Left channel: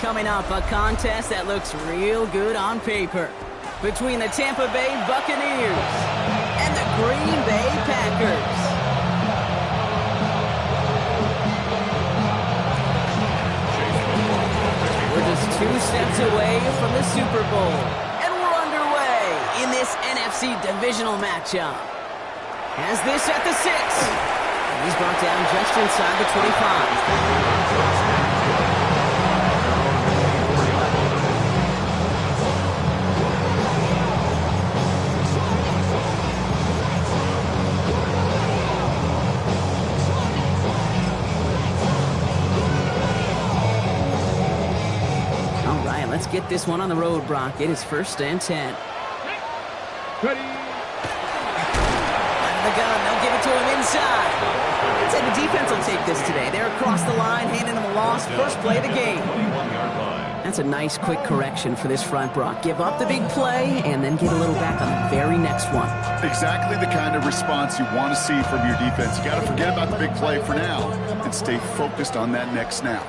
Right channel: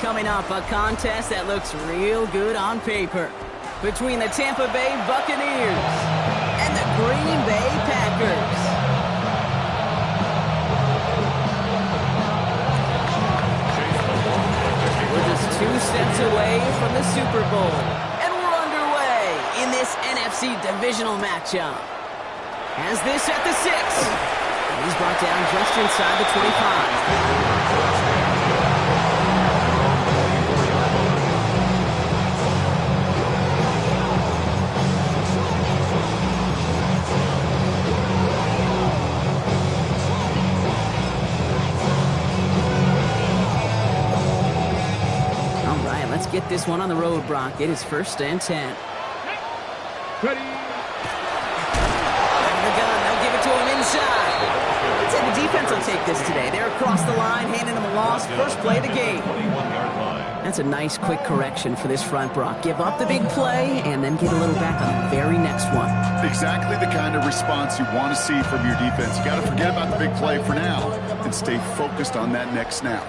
Coming up, a contest that looks real good on paper between the Tampa Bay Buccaneers and the Green Bay Packers. We're just 2 steps away from the Super Bowl, and we're underway in this NFC divisional matchup. Has this at the 6, and he's brought down just inside the 25. Let's get this one on the road, Brock. It is 1st and 10. Ready. Out of the gun. They'll give it to him inside. I'd say the defense will take this today. They're across the line, handing him a loss. First play of the game. That's a nice, quick correction for this front, Brock. Give up the big play and then get a little back on the very next one. Exactly the kind of response you want to see from your defense. You got to forget about the big play for now and stay focused on that next snap.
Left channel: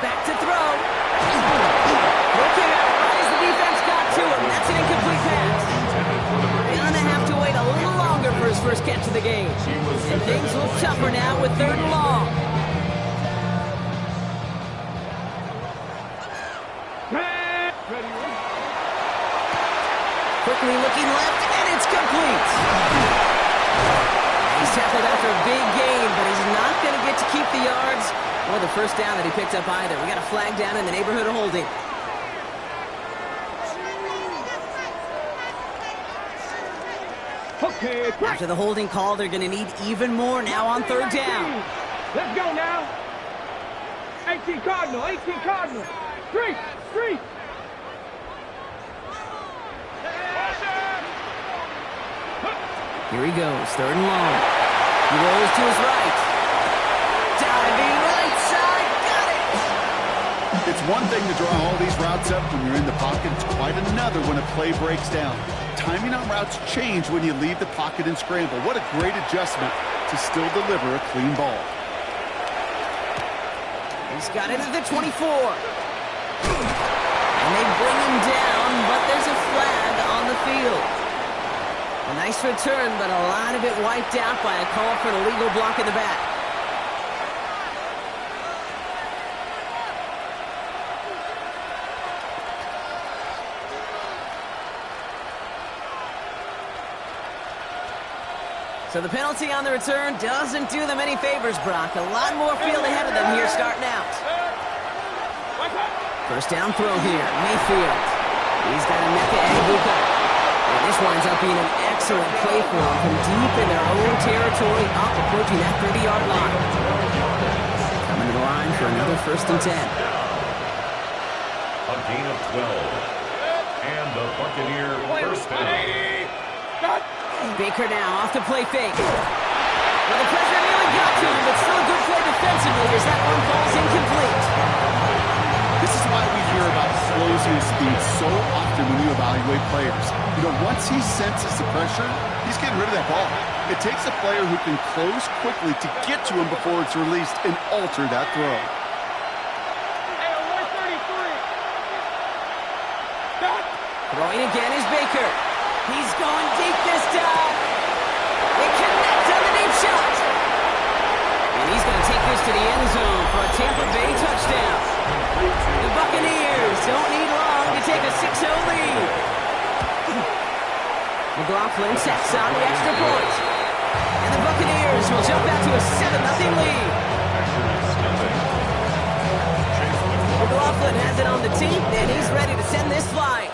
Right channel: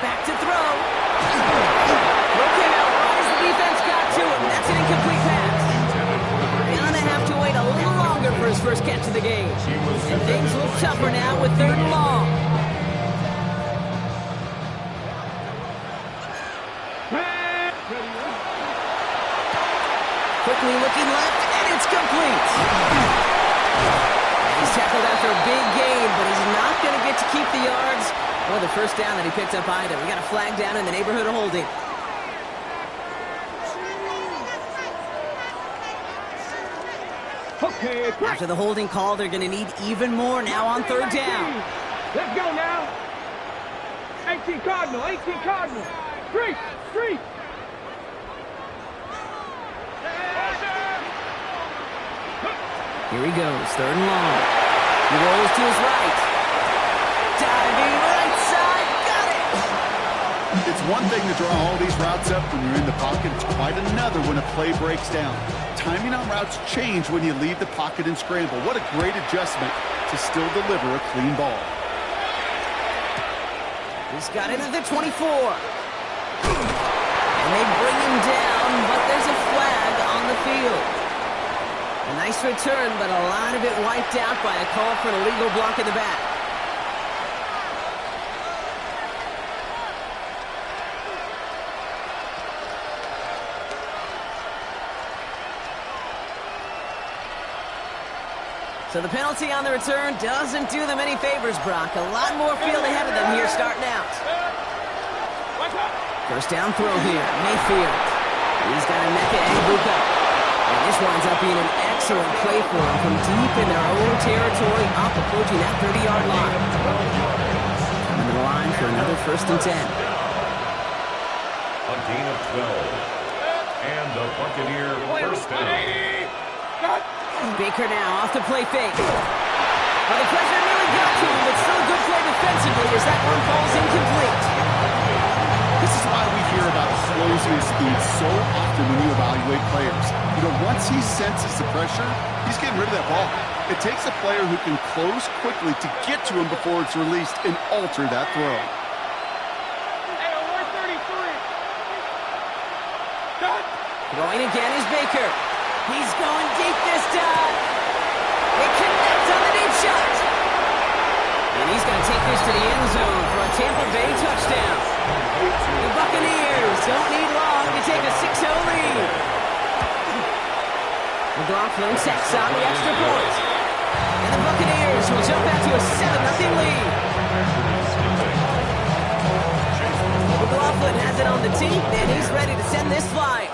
Back to throw. Throw came out right as the defense got to him. That's an incomplete pass. Gonna have to wait a little longer for his first catch of the game. And things look tougher now with 3rd and long. Quickly looking left, and it's complete. He's tackled after a big gain, but he's not going to get to keep the yards or the first down that he picked up either. We got a flag down in the neighborhood of holding. Okay, after the holding call, they're going to need even more now on 3rd down. Let's go now. 18 Cardinal, 18 Cardinal. Street. Here he goes, 3rd and long. He rolls to his right. Diving right side, got it! It's one thing to draw all these routes up when you're in the pocket. It's quite another when a play breaks down. Timing on routes change when you leave the pocket and scramble. What a great adjustment to still deliver a clean ball. He's got it at the 24. And they bring him down, but there's a flag on the field. A nice return, but a lot of it wiped out by a call for an illegal block in the back. So the penalty on the return doesn't do them any favors, Brock. A lot more field ahead of them here starting out. First down throw here, Mayfield. He's got a Mecca Egbuka. And this winds up being an excellent play for him from deep in their own territory, up approaching that 30-yard line. Coming to the line for another 1st and 10. A gain of 12. And the Buccaneer first down. Baker now off the play fake. Well, the pressure nearly got to him, but still a good play defensively as that one falls incomplete. This is why we hear about closing speed so often when you evaluate players. You know, once he senses the pressure, he's getting rid of that ball. It takes a player who can close quickly to get to him before it's released and alter that throw. Hey, 133. Throwing again is Baker. He's going deep this time. They connect on the deep shot. And he's going to take this to the end zone for a Tampa Bay touchdown. The Buccaneers don't need long to take a 6-0 lead. McLaughlin sets on the extra point. And the Buccaneers will jump out to a 7-0 lead. McLaughlin has it on the tee, and he's ready to send this flying.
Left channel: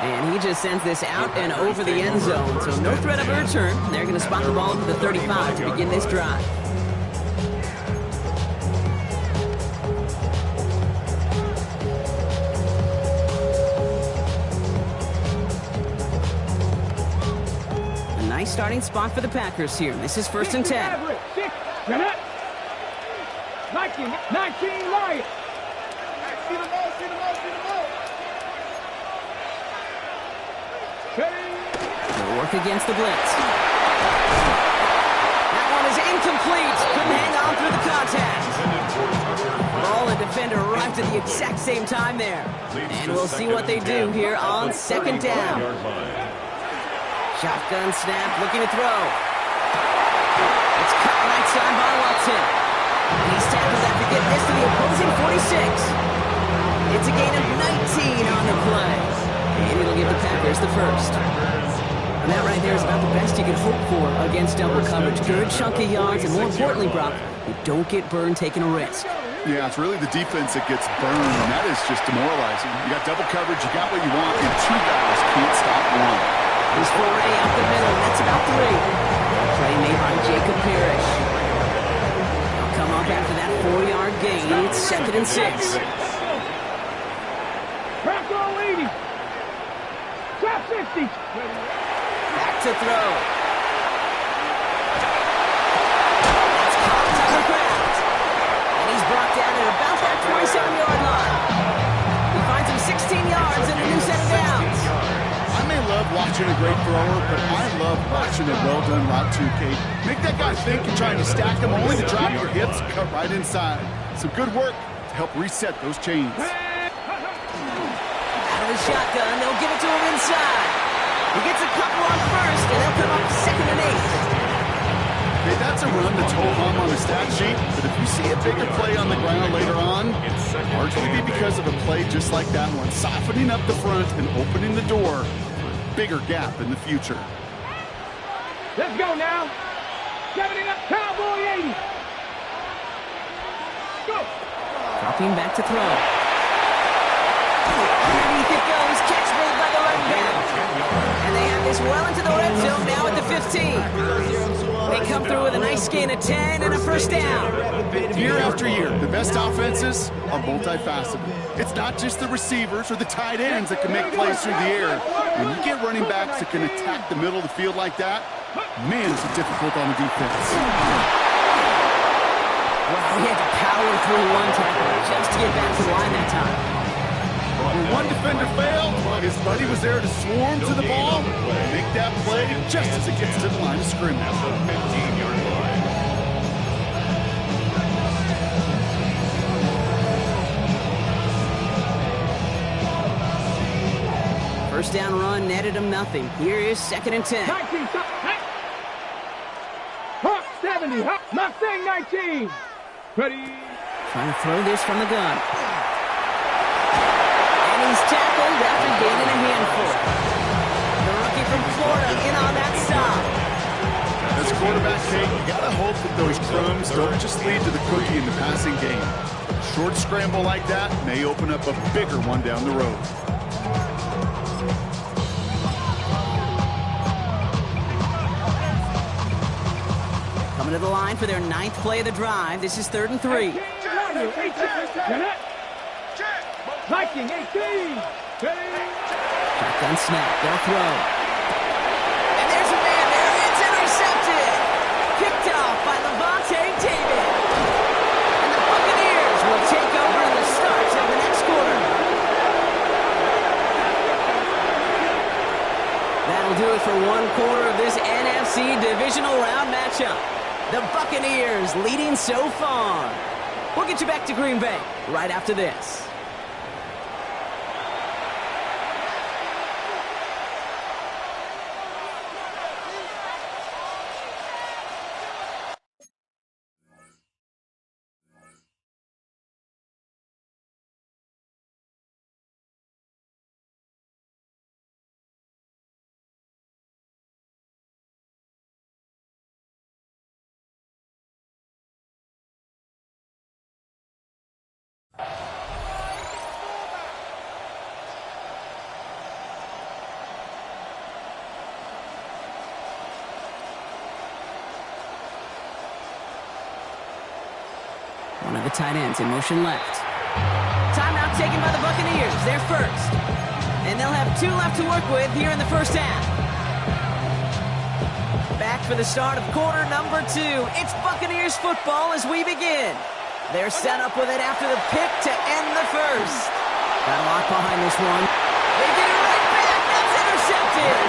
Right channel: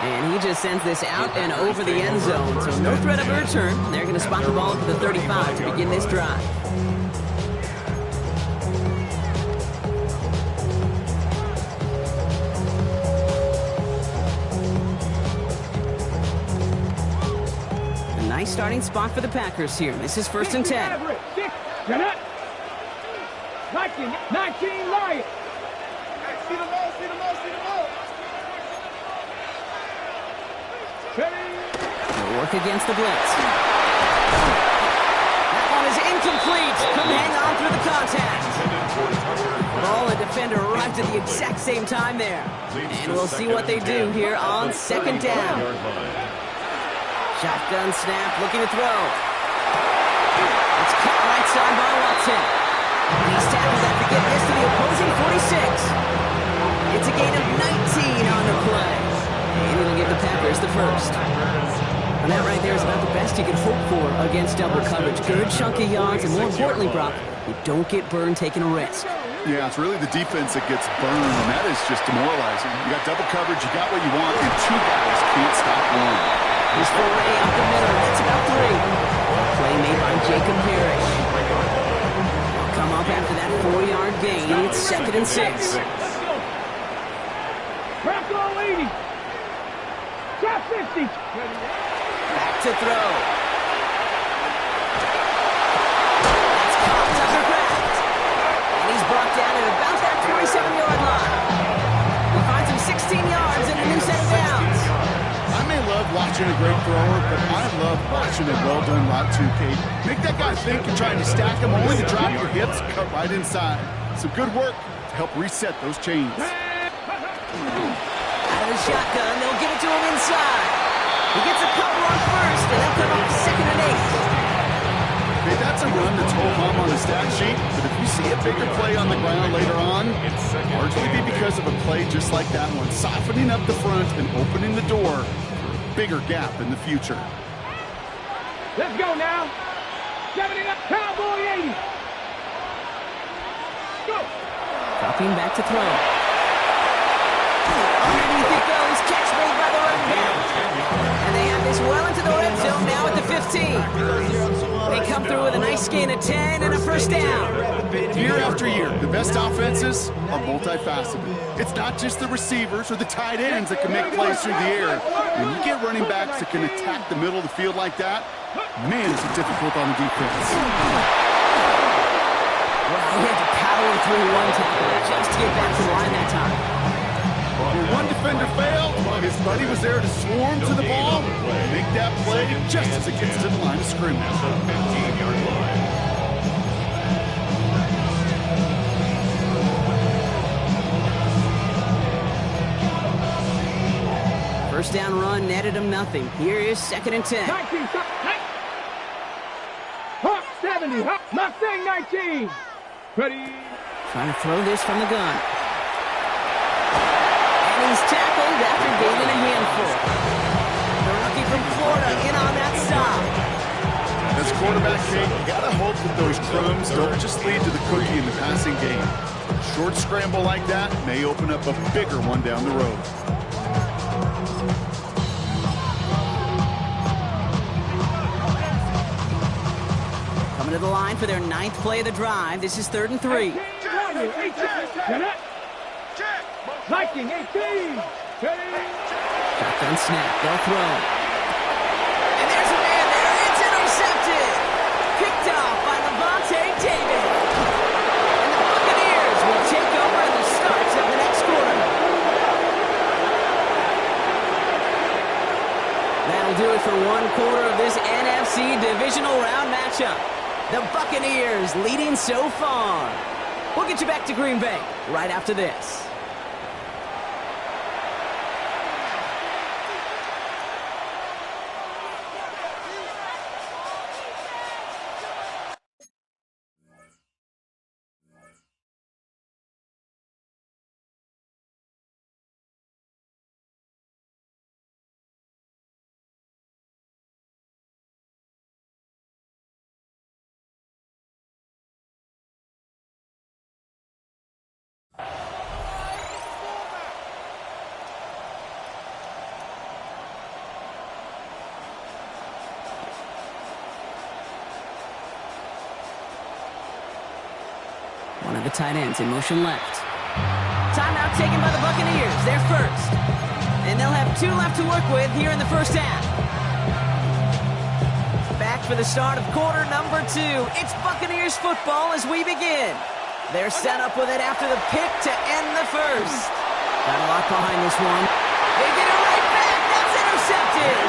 And he just sends this out and over the end zone, so no threat of a return. They're going to spot the ball for the 35 to begin this drive. A nice starting spot for the Packers here. This is 1st and 10. 19 Lions. See the ball. They'll work against the blitz. That one is incomplete. Couldn't hang on through the contact. Ball and defender arrived at the exact same time there. And we'll see what they do here on second down. Shotgun snap, looking to throw. It's cut right side by Watson. And he's tackled after getting this to the opposing 46. It's a gain of 19 on the play. And it'll give the Packers the first. And that right there is about the best you could hope for against double coverage. Good chunky yards, and more importantly, Brock, you don't get burned taking a risk. Yeah, it's really the defense that gets burned, and that is just demoralizing. You got double coverage, you got what you want, and two guys can't stop one. He's foray up the middle. That's about 3. A play made by Jacob Parrish. They'll come up after that 4-yard gain. It's 2nd and 6. Bronco 80. Top 60. Back to throw. That's caught. Tucker Kraft. And he's brought down at about that 27-yard line. He finds him 16 yards and a new set of downs. I may love watching a great thrower, but I love watching a well-done route too, Kate. Make that guy think you're trying to stack him, only to drop your hips, cut right inside. Some good work to help reset those chains. Out of the shotgun, they'll give it to him inside. He gets a couple on first, and they'll come up 2nd and 8. Okay, that's a run that's ho-hum on the stat sheet, but if you see a bigger play on the ground later on, largely be because of a play just like that one, softening up the front and opening the door for a bigger gap in the future. Let's go now. 70 up, Cowboy 80. Go. Dropping back to throw. Underneath it goes. Catch made by the running back. And they have this well into the red zone now at the 15. They come through with a nice gain of 10 and a first down. Year after year, the best offenses are multifaceted. It's not just the receivers or the tight ends that can make plays through the air. When you get running backs that can attack the middle of the field like that, man, is it difficult on the defense. Wow, he had to power through one tackle just to get back to the line that time. When one defender failed, his buddy was there to swarm to the ball and make that play just as it gets to the line of scrimmage. 15-yard line. First down run netted him nothing. Here is 2nd and 10. 19. Hawk 70. Mustang 19. Ready. Trying to throw this from the gun. And he's tackled after gaining a handful. The rookie from Florida in on that stop. As quarterback, Kate, you got to hope that those crumbs don't just lead to the cookie in the passing game. A short scramble like that may open up a bigger one down the road. Coming to the line for their 9th play of the drive. This is 3rd and 3. 18. Viking 18. Shotgun snap. They'll throw. And there's a man there. It's intercepted. Picked off by Levante David. And the Buccaneers will take over in the start of the next quarter. That'll do it for one quarter of this NFC divisional round matchup. The Buccaneers leading so far. We'll get you back to Green Bay right after this. One of the tight ends in motion left. Timeout taken by the Buccaneers. They're first. And they'll have 2 left to work with here in the first half. Back for the start of quarter number 2. It's Buccaneers football as we begin. They're set up with it after the pick to end the first. Got a lot behind this one. They get it right back. That's intercepted.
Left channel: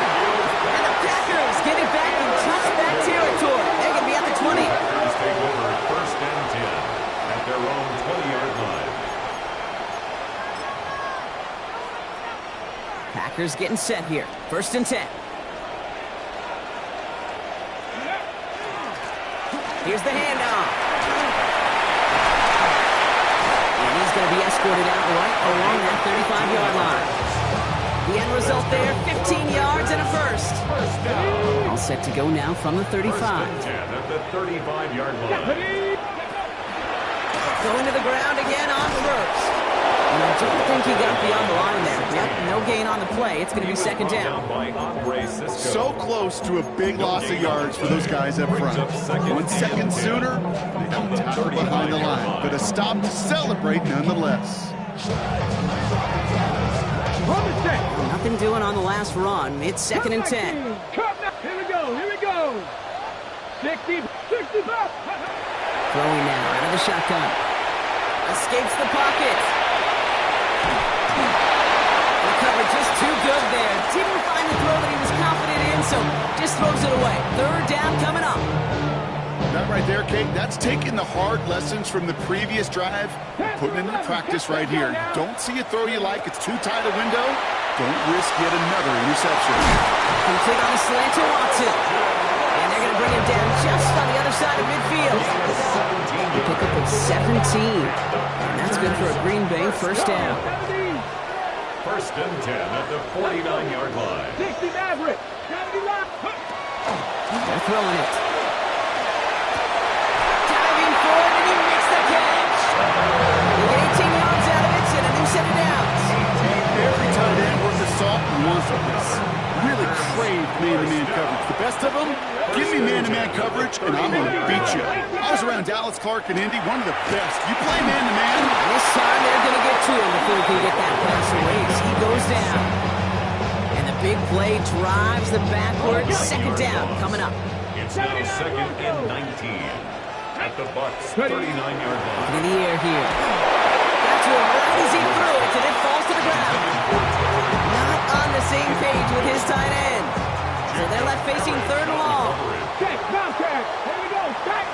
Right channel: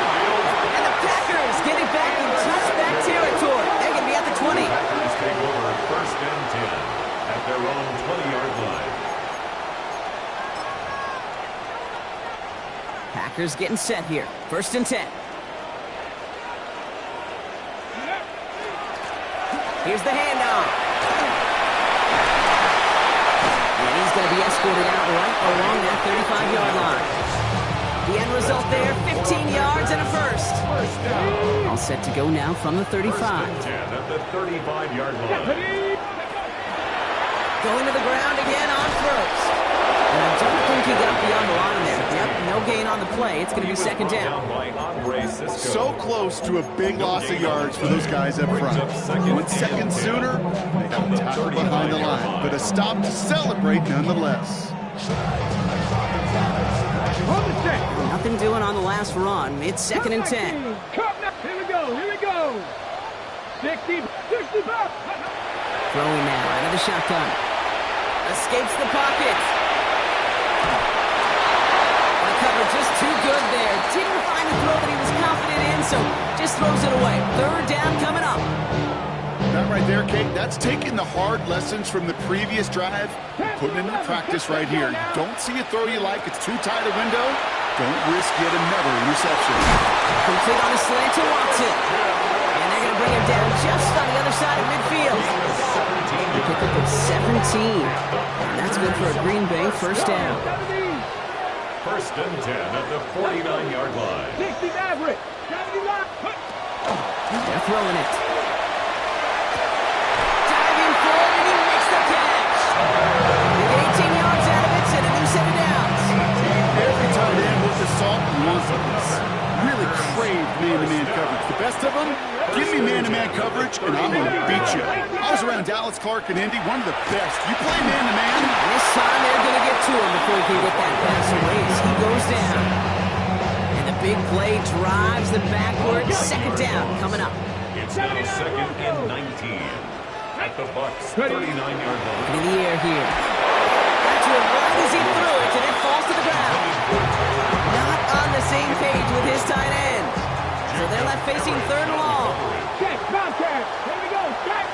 And the Packers get it back in touchback territory. They're going to be at the 20. Packers take over 1st and 10 at their own 20-yard line. Packers getting set here. 1st and 10. Here's the handoff. And he's going to be escorted out right along that 35-yard line. The end result there, 15 yards and a first. First down. All set to go now from the 35. 1st and 10 at the 35-yard line. Going to the ground again on first. And I don't think he got beyond the line there. Yep, no gain on the play. It's going to be 2nd down. So close to a big loss of yards for those guys up front. 1 second sooner, they got tackled behind the line. But a stop to celebrate nonetheless. Nothing doing on the last run. It's 2nd and 10. Here we go, here we go. 65. Throwing now out of the shotgun. Escapes the pocket. And the cover just too good there. Didn't find the throw that he was confident in, so just throws it away. 3rd down coming up. That right there, Kate, that's taking the hard lessons from the previous drive and putting it into practice right here. You don't see a throw you like, it's too tight a window, don't risk yet another interception. Complete on the slant to Watson. And they're going to bring him down just on the other side of midfield. They pick up at 17. And that's good for a Green Bay 1st down. 1st and 10 at the 49-yard line. 60 average. They're throwing it. Diving forward, and he makes the catch. They get 18 yards out of it, and a new 7 downs. Every tight end worth the salt and wants of this. Really crave man-to-man coverage. The best of them, give me man-to-man coverage, and I'm going to beat you. I was around Dallas, Clark, and Indy, one of the best. You play man-to-man. This time they're going to get to him before he can get that pass away as he goes down. And the big play drives them backwards. 2nd down coming up. It's now 2nd and 19 at the Bucs' 39-yard line. In the air here. Got to him right as he threw it, and it falls to the ground. Not on the same page with his tight end. So they're left facing 3rd and long. Check, contact. Here we go, check.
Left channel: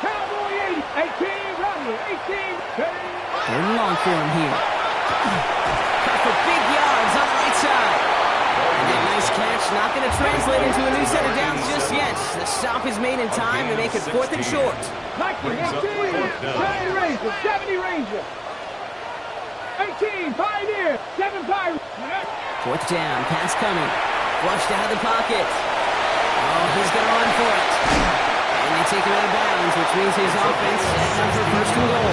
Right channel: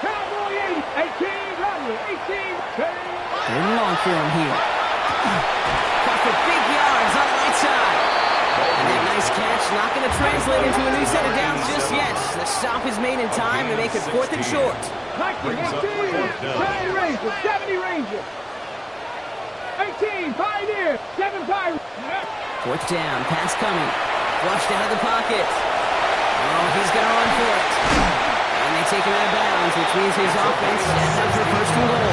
Cowboy 80, 18, Rodney, 18. 3rd and long for him here. Caught for big yards on the right side. And that nice catch not going to translate into a new set of downs just yet. The stop is made in time to make it 4th and short. 70 Ranger, 70 Ranger. 18, Pioneer, 7 Pirates. 4th down, pass coming. Flushed out of the pocket. Oh, he's going to run for it. And they take him out of bounds, which means his offense setting up for 1st and goal.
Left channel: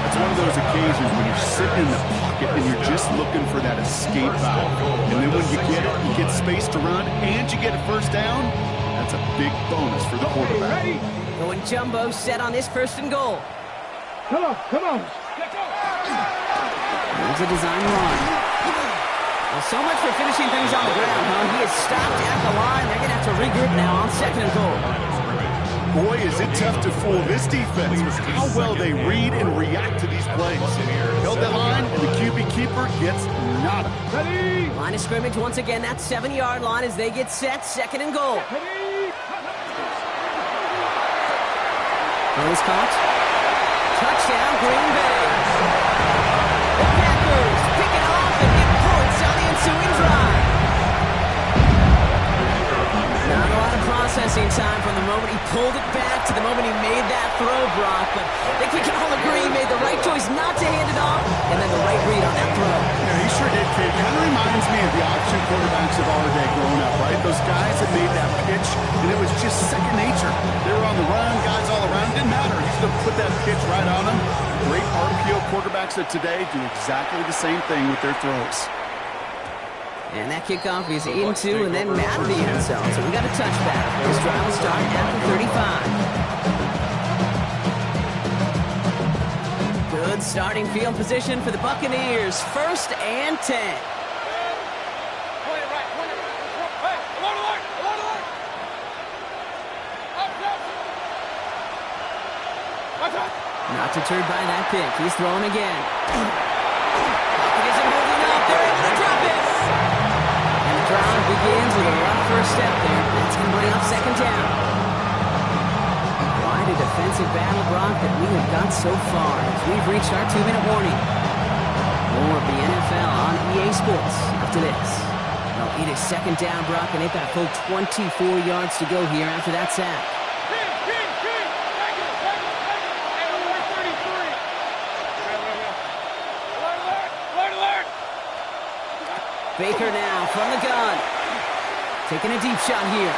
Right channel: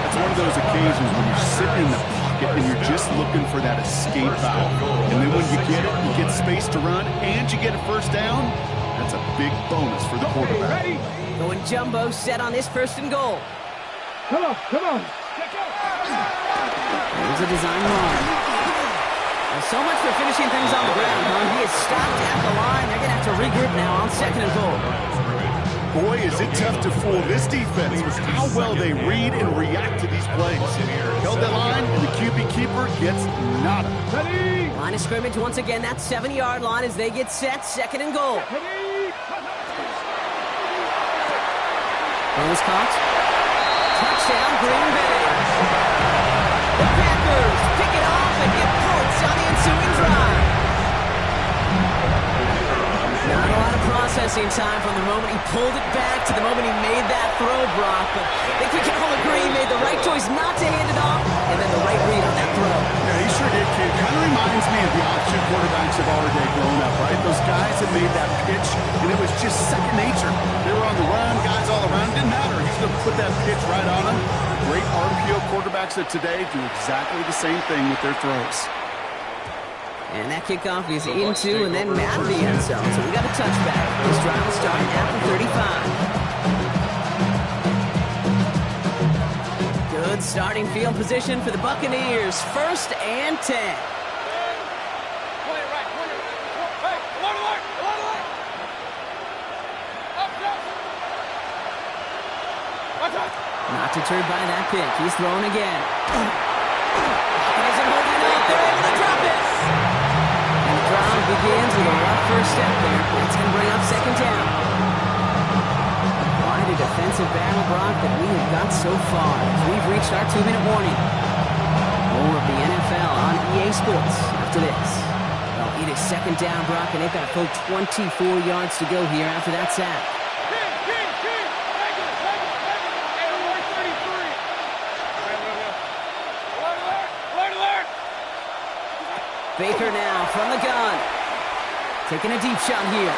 That's one of those occasions when you're sitting in the pocket and you're just looking for that escape valve. And then when you get it, you get space to run, and you get a 1st down, that's a big bonus for the quarterback. Ready? Going jumbo set on this 1st and goal. Come on, come on. There's a design run. Well, so much for finishing things on the ground, huh? He is stopped at the line. They're going to have to regroup now on 2nd and goal. Boy, is it tough to fool this defense with how well they read and react to these plays. Held that line, and the QB keeper gets nada. Ready? Line of scrimmage once again, that 7-yard line as they get set, 2nd and goal. Ready? Throw is caught. Touchdown, Green Bay. The Packers pick it off and get points on the ensuing drive. Not a lot of processing time from the moment he pulled it back to the moment he made that throw, Brock. But I think we can all agree he made the right choice not to hand it off, and then the right read on that throw. Yeah, he sure did, Kate. Kind of reminds me of the option quarterbacks of our day growing up, right? Those guys that made that pitch, and it was just second nature. They were on the run, guys all around. Didn't matter. He's going to put that pitch right on them. Great RPO quarterbacks of today do exactly the same thing with their throws. And that kickoff is into and then out of the end zone. So we got a touchback. This drive will start at the 35. Good starting field position for the Buccaneers. 1st and 10. Not deterred by that pick. He's throwing again. Pocket isn't holding up. They're able to drop it. And the drive begins with a rough first step there. That's going to bring up second down. Quite a defensive battle, Brock, that we have got so far as we've reached our 2-minute warning. More of the NFL on EA Sports after this. Well, it is second down, Brock, and they've got a full 24 yards to go here after that sack. Baker now from the gun. Taking a deep shot here.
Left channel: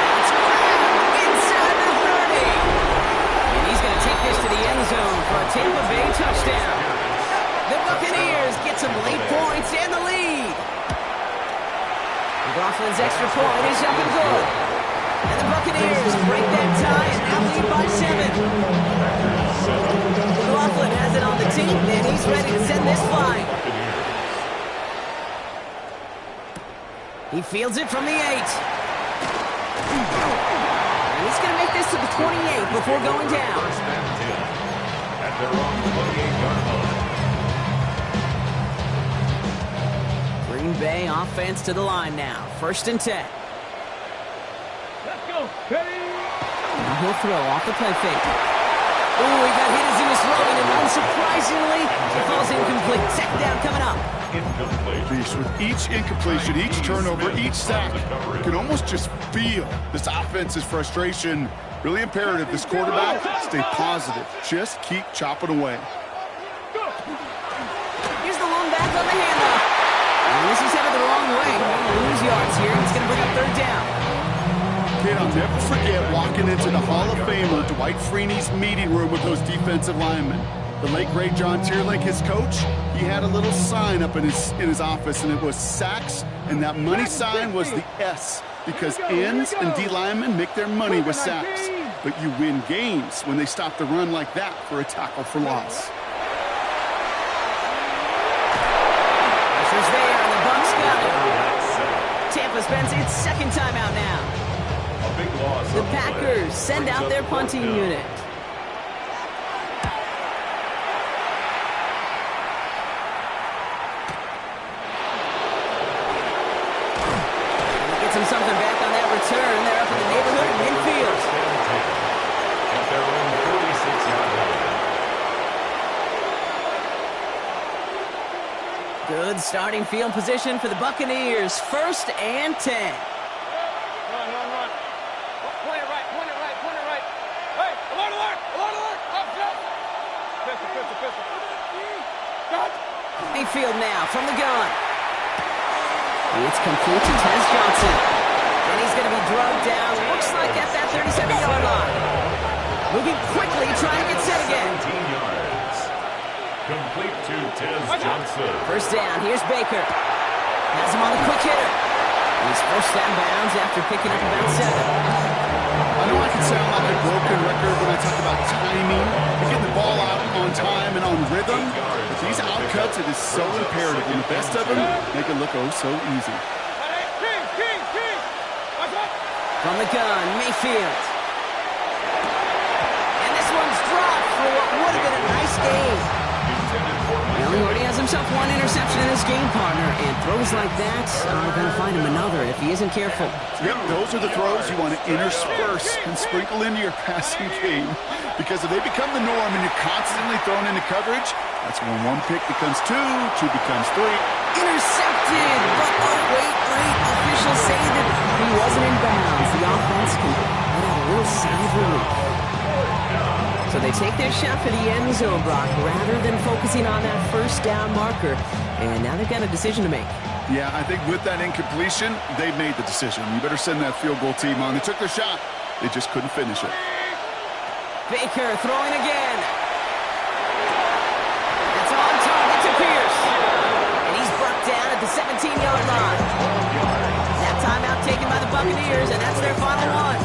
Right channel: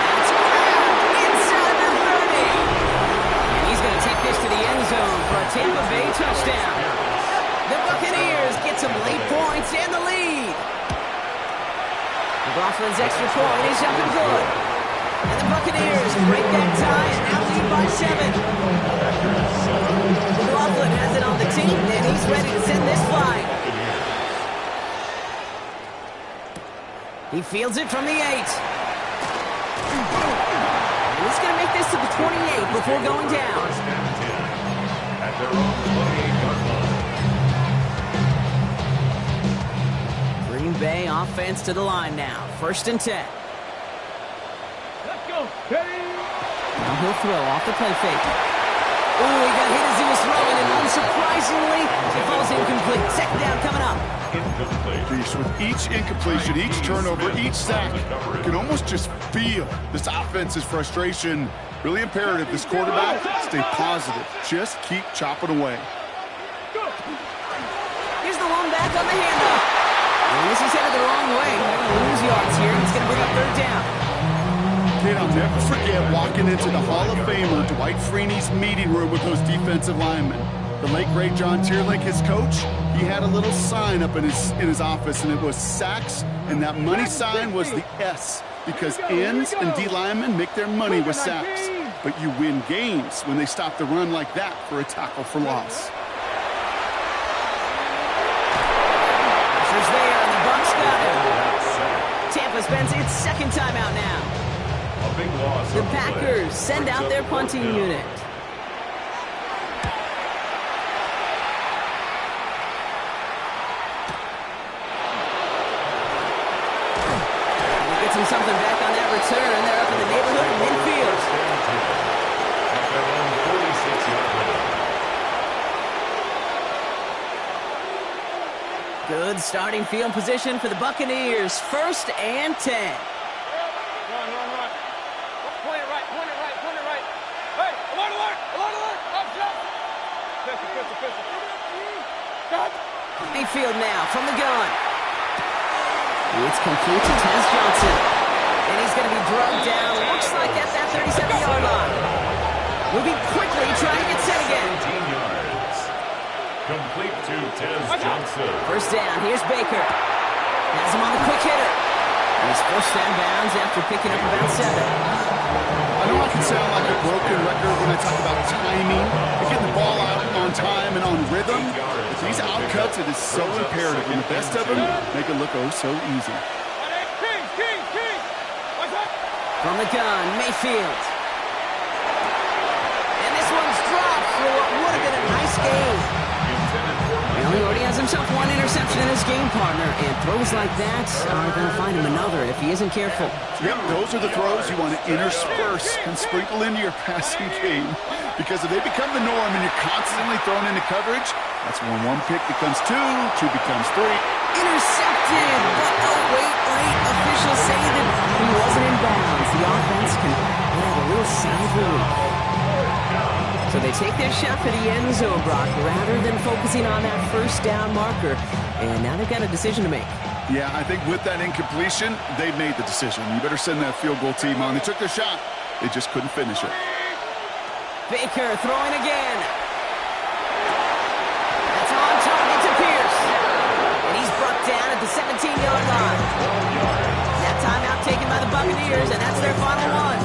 That's grabbed inside the 30. And he's going to take this to the end zone for a Tampa Bay touchdown. The Buccaneers get some late points and the lead. McLaughlin's extra point is up and good. And the Buccaneers break that tie and now lead by 7. McLaughlin has it on the team and he's ready to send this flying. He fields it from the 8. And he's going to make this to the 28 before going down. First and 10 at their own 28-yard line. Green Bay offense to the line now. First and 10. Let's go. Ready? Now he'll throw off the play fake. Ooh, he got hit as he was throwing, and unsurprisingly, it falls incomplete. Second down coming up. Incomplete. With each incompletion, each turnover, each sack, you can almost just feel this offense's frustration. Really imperative, this quarterback, stay positive. Just keep chopping away. Here's the long back on the handoff. And this is headed the wrong way. They're going to lose yards here. It's going to bring up third down. Kid, I'll never forget walking into the Hall of Famer Dwight Freeney's meeting room with those defensive linemen. The late, great John Tierlink, his coach, he had a little sign up in his office, and it was sacks, and that money sign was the S, because ends and D linemen make their money with sacks. But you win games when they stop the run like that for a tackle for loss. Pressure's there, and the Bucs got him. Tampa spends its second timeout now. A big loss. The Packers send out their punting unit. Gets him something back on that return. They're up in the neighborhood of midfield. First and 10 at their own 46-yard line. Good starting field position for the Buccaneers. First and 10. Run. Point it right. Hey, alert. Up, jump. Pistol. Got. Mayfield now from the gun. It's complete to Tez Johnson. And he's going to be drugged down. Looks like at that 37-yard line. Moving quickly, trying to get set again. 17 yards. Complete to Tez Johnson. First down, here's Baker. Has him on the quick hitter. And he's forced out of bounds after picking up about 7. I know I can sound like a broken record when I talk about timing and getting the ball out on time and on rhythm, but these outcuts, it is so imperative. And the best of them make it look oh so easy. King. What's up? From the gun, Mayfield. And this one's dropped for what would have been a nice game. Well, he already has himself one interception in his game, partner, and throws like that are going to find him another if he isn't careful. Yep, those are the throws you want to intersperse and sprinkle into your passing game, because if they become the norm and you're constantly thrown into coverage, that's when one pick becomes two becomes three. Intercepted, but oh, wait, officials say that he wasn't in bounds. The offense can let out a little sigh of relief. So they take their shot for the end zone, Brock, rather than focusing on that first down marker. And now they've got a decision to make. Yeah, I think with that incompletion, they've made the decision. You better send that field goal team on. They took their shot. They just couldn't finish it. Baker throwing again. That's on target to Pierce. And he's brought down at the 17-yard line. That timeout taken by the Buccaneers, and that's their final one.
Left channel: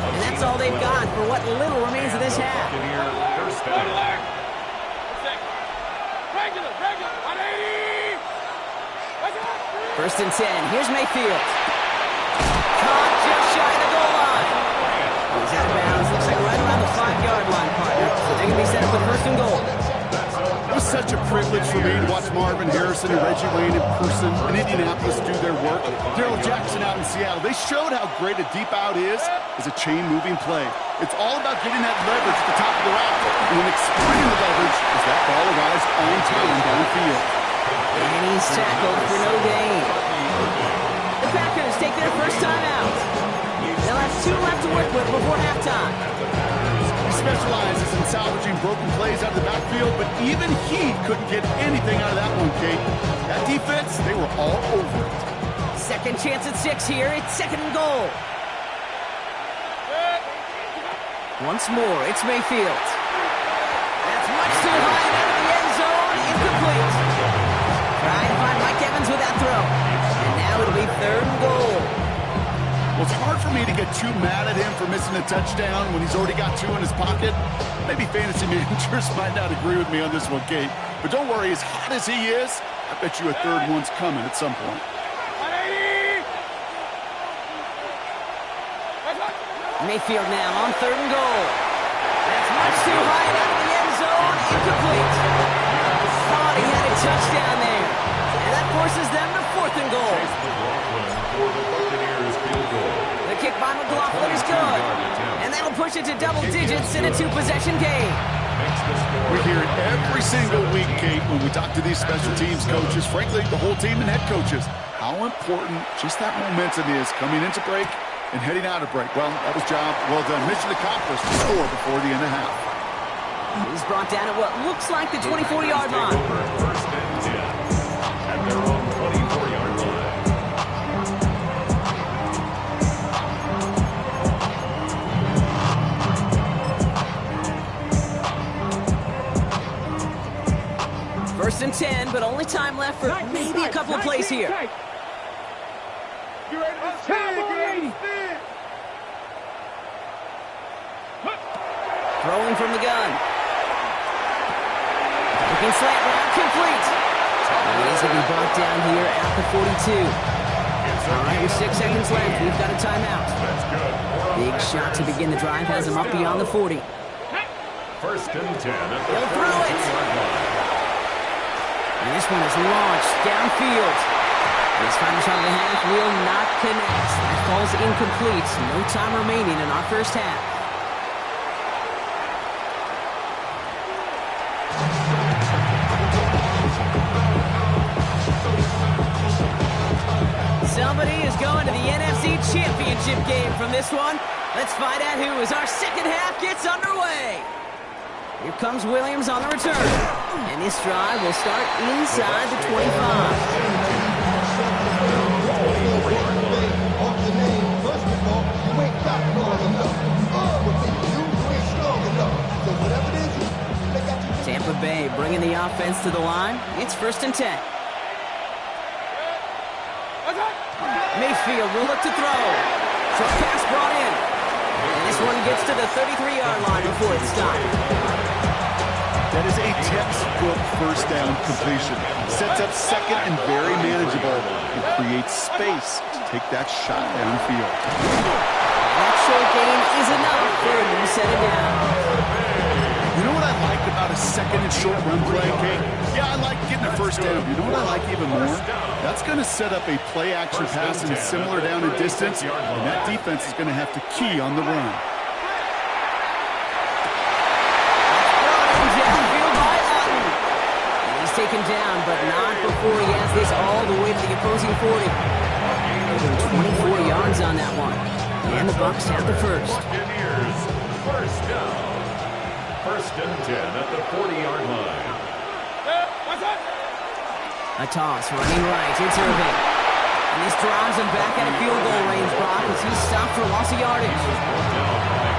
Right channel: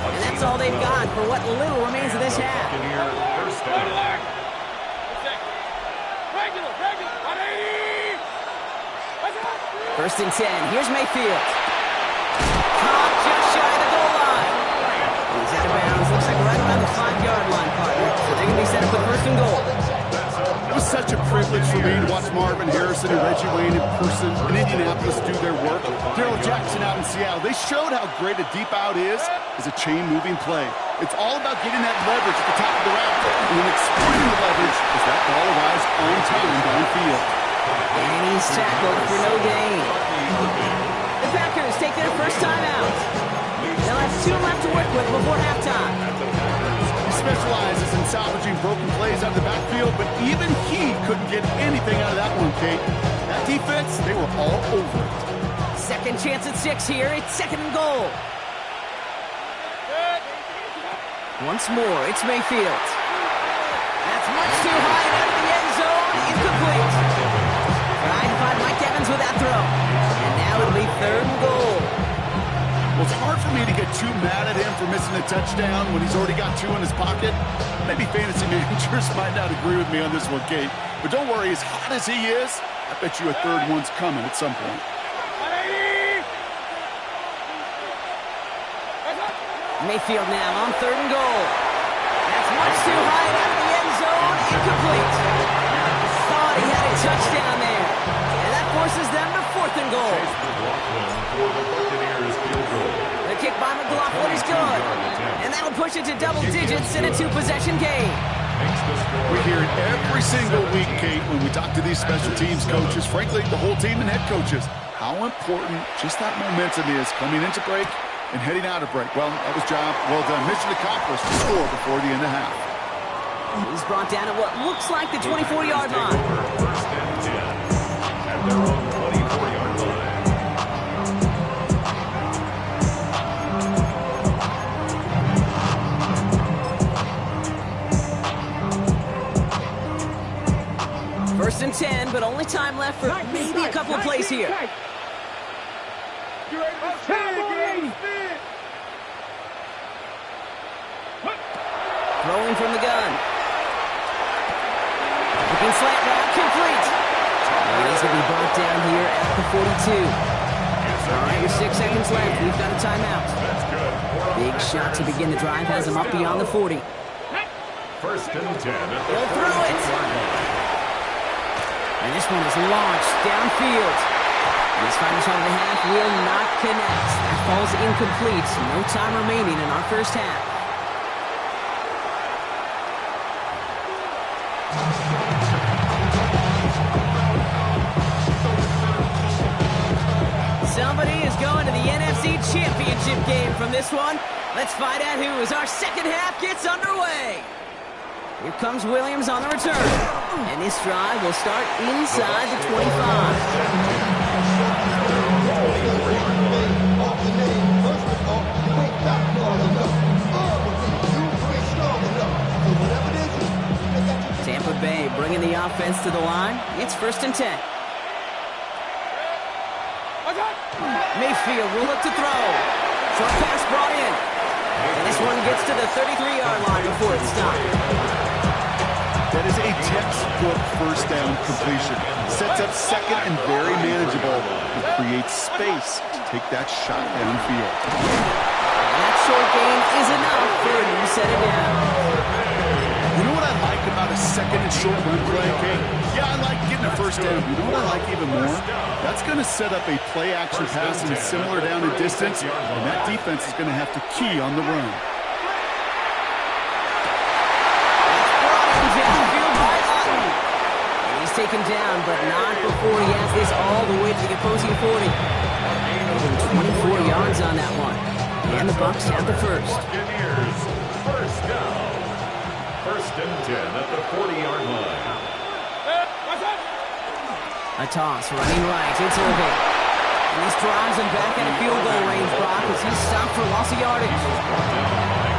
And that's all they've got for what little remains of this half. First down. Regular. 180. First and 10. Here's Mayfield. Caught just shy of the goal line. He's out of bounds. Looks like right around the 5-yard line, partner. So they're going to be set up with first and goal. It was such a privilege privilege for me to watch Marvin Harrison and Reggie Wayne in person in Indianapolis do their work. Darrell Jackson out in Seattle, they showed how great a deep out is as a chain-moving play. It's all about getting that leverage at the top of the route, and then exploiting the leverage as that ball arrives on time downfield. And he's tackled for no gain. The Packers take their first time out. They'll have 2 left to work with before halftime. He specializes in salvaging broken plays out of the backfield, but even he couldn't get anything out of that one, Kate. That defense, they were all over it. Second chance at 6 here. It's 2nd and goal. Once more, it's Mayfield. That's much too high and out of the end zone. Incomplete. Trying to find Mike Evans with that throw. And now it'll be 3rd and goal. Well, it's hard for me to get too mad at him for missing a touchdown when he's already got 2 in his pocket. Maybe fantasy managers might not agree with me on this one, Kate. But don't worry, as hot as he is, I bet you a 3rd one's coming at some point. Mayfield now on 3rd and goal. That's much too high and out of the end zone. Incomplete. Thought he had a touchdown there. And that forces them to 4th and goal. For the Buccaneers field goal. The kick by McLaughlin is good. And that'll push it to double digits in a 2-possession game. We hear it every single week, Kate, when we talk to these special teams coaches, frankly, the whole team and head coaches, how important just that momentum is coming into break and heading out of break. Well, that was job well done. Mission accomplished to score before the end of half. He's brought down at what looks like the 24-yard line. First and 10 at their own 24-yard line. First and 10, but only time left for maybe a couple of plays here. Throwing from the gun. Looking slant route, complete. And he's going to be brought down here at the 42. All right, with 6 seconds left, we've got a timeout. Big shot to begin the drive has him up beyond the 40. First and 10 at the He'll throw it. 40-yard line. And this one is launched downfield. This final shot of the half will not connect. That falls incomplete. No time remaining in our first half. Somebody is going to the NFC Championship game from this one. Let's find out who as our second half gets underway. Here comes Williams on the return. And this drive will start inside the 25. Tampa Bay bringing the offense to the line. It's 1st and 10. Mayfield will look to throw. Short pass brought in. And this one gets to the 33-yard line before it's stopped. That is a textbook first down completion. Sets up second and very manageable and creates space to take that shot downfield. And that short gain is enough for a new set of downs. You know what I like about a second and short run play, Kate? Yeah, I like getting a first down. You know what I like even more? That's going to set up a play-action pass in a similar down and distance, and that defense is going to have to key on the run. That's brought in downfield by Otten. And he's taken down, but not before he has this all the way to the opposing 40. Over 24 yards on that one. And the Bucs have the first. First down. First and 10 at the 40-yard line. A toss running right. It's Irving. And this drives him back at a field goal range, Brock, as he's stopped for loss of yardage.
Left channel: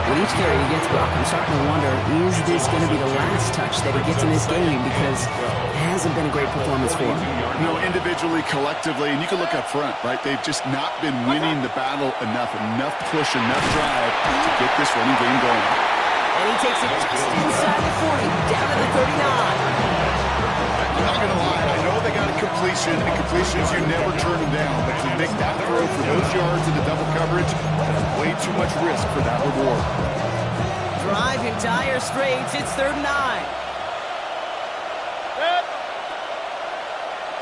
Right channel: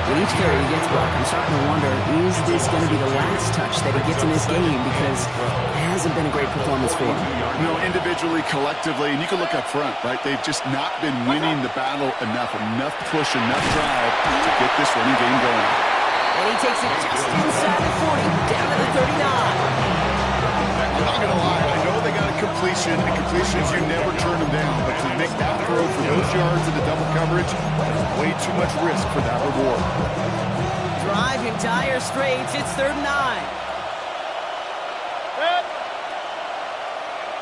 With each carry he gets, Brock, I'm starting to wonder, is this going to be the last touch that he gets in this game? Because it hasn't been a great performance for him. No, individually, collectively, and you can look up front, right? They've just not been winning the battle enough push, enough drive to get this running game going. And he takes it just inside the 40, down to the 39. I'm not going to lie. I know they got a completion, and completions, you never turn them down. But to make that throw for those yards into double coverage, that's way too much risk for that reward. Drive in dire straits. It's 3rd and 9.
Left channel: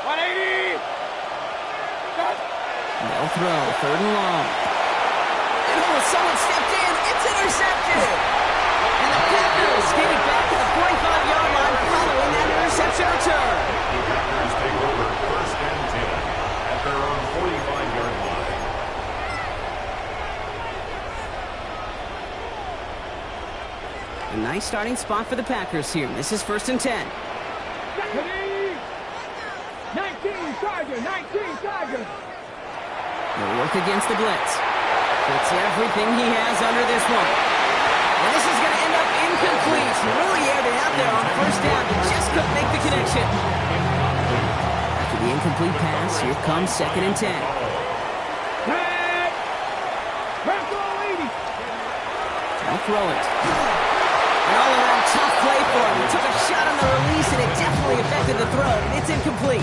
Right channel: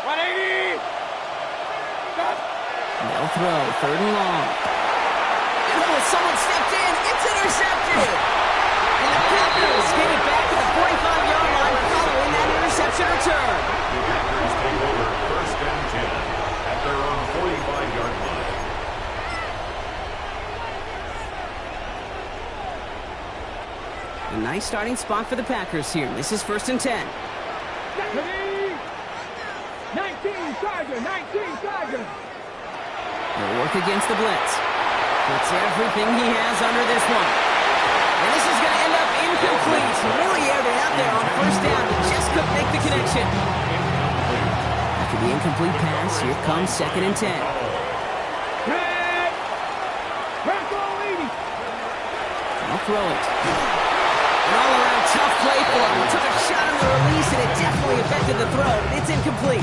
180. They'll throw, 3rd and long. And someone stepped in. It's intercepted. And the Packers get it back at the 45-yard line following that interception return. The Packers take over 1st and 10 at their own 45-yard line. A nice starting spot for the Packers here. This is 1st and 10. 19 Tiger, 19 Tiger. They'll work against the blitz. Puts everything he has under this one. And this is going to end up incomplete. He really aired it out there on 1st down. He just couldn't make the connection. After the incomplete pass, here comes 2nd and 10. They'll throw it. An all-around tough play for him. He took a shot on the release, and it definitely affected the throw. It's incomplete.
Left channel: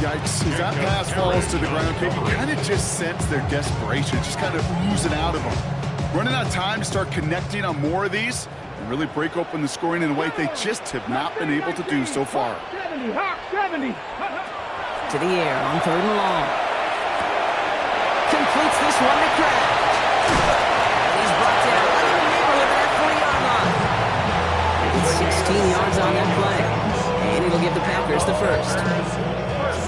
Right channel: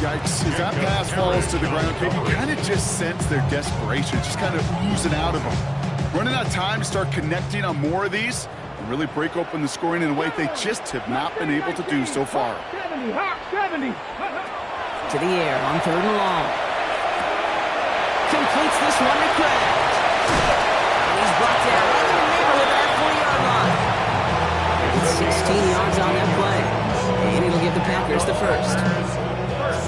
Yikes. As that pass falls to the ground, you kind of just sense their desperation, just kind of oozing out of them. Running out of time to start connecting on more of these and really break open the scoring in a way they just have not been able to do so far. 70, Hawk 70. To the air on 3rd and long. Completes this one to Kraft. And he's brought down right in the neighborhood of that 40-yard line. It's 16 yards on that play. And it'll give the Packers the first.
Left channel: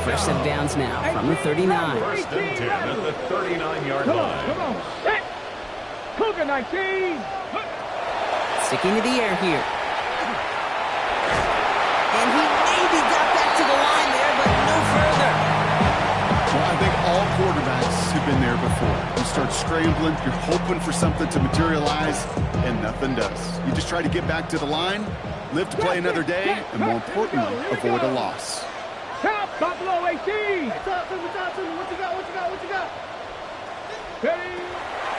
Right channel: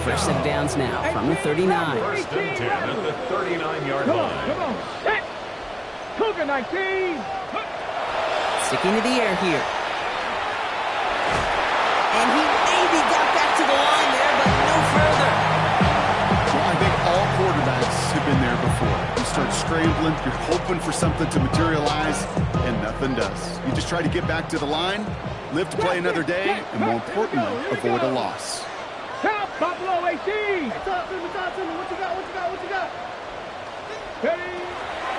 Fresh set of downs now from the 39. 1st and 10 at the 39-yard line. Come on, set. Cougar 19. Sticking to the air here. And he maybe got back to the line there, but no further. Well, I think all quarterbacks have been there before. You start scrambling, you're hoping for something to materialize, and nothing does. You just try to get back to the line, live to play another day, and more importantly, avoid a loss. Top Buffalo 18. Hey, talk to me. What you got? Ready?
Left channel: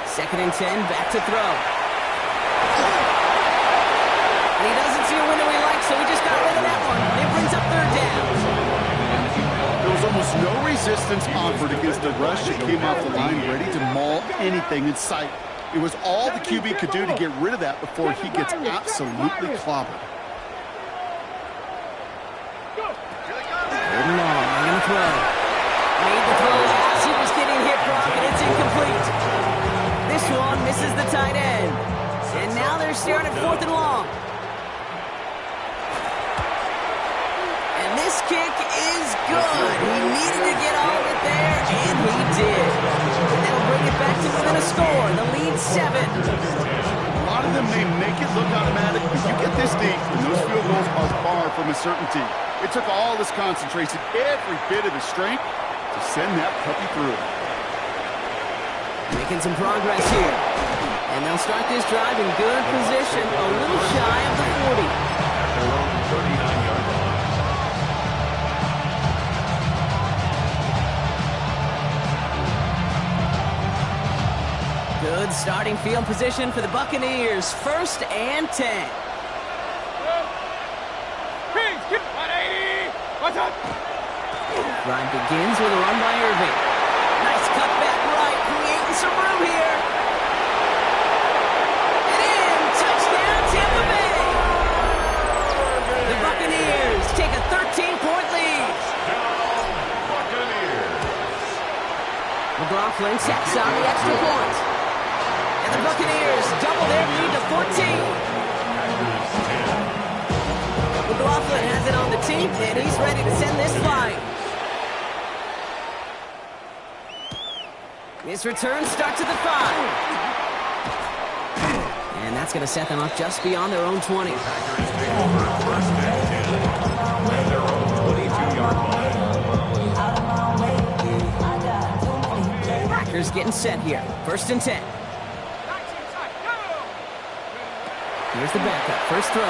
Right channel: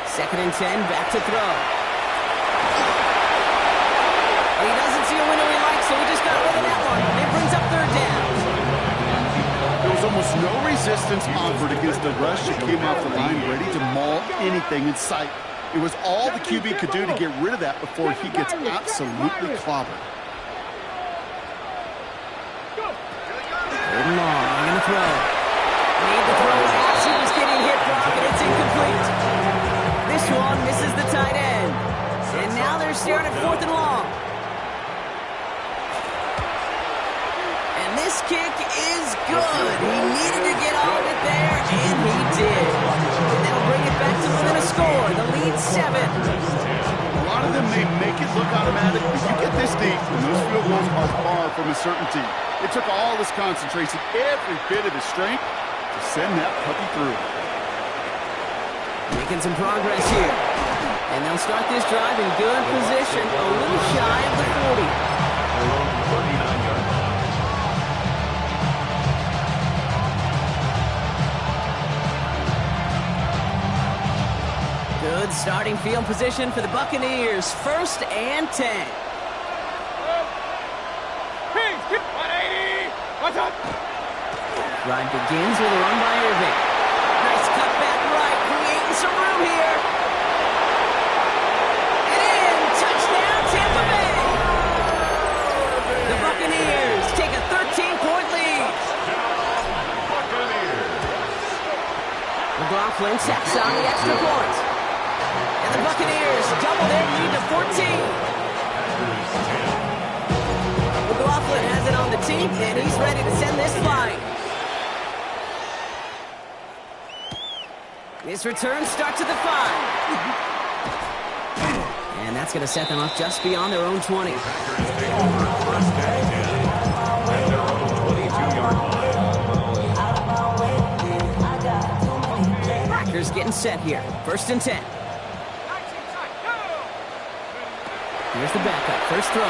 2nd and 10, back to throw. And he doesn't see a window he likes, so he just got rid of that one. And it brings up 3rd down. There was almost no resistance offered against a rush that came off the line ready to maul anything in sight. It was all the QB could do to get rid of that before he gets absolutely clobbered. 3rd and long, I'm going to throw. Made the throw as he was getting hit, Brock, and it's incomplete. This one misses the tight end. And now they're staring at 4th and long. And this kick is good. He needed to get all of it there, and he did. And that'll bring it back to within a score. The lead 7. A lot of them may make it look automatic, but you get this deep, and those field goals are far from a certainty. It took all his concentration, every bit of his strength, to send that puppy through. Making some progress here. And they'll start this drive in good position, a little shy of the 40. At their own 39-yard line. Good starting field position for the Buccaneers. 1st and 10. Kings, get 180. What's up? Drive begins with a run by Irving. Nice cut back right, creating some room here. And in, touchdown Tampa Bay. The Buccaneers take a 13-point lead. Buccaneers. McLaughlin tacks on the extra point. And the Buccaneers double their lead to 14. Packers 10. McLaughlin has it on the team, and he's ready to send this flying. His return starts at the 5. And that's going to set them up just beyond their own 20. Packers take over 1st and 10 at their own 22-yard line. Packers getting set here. 1st and 10. Here's the backup. First throw.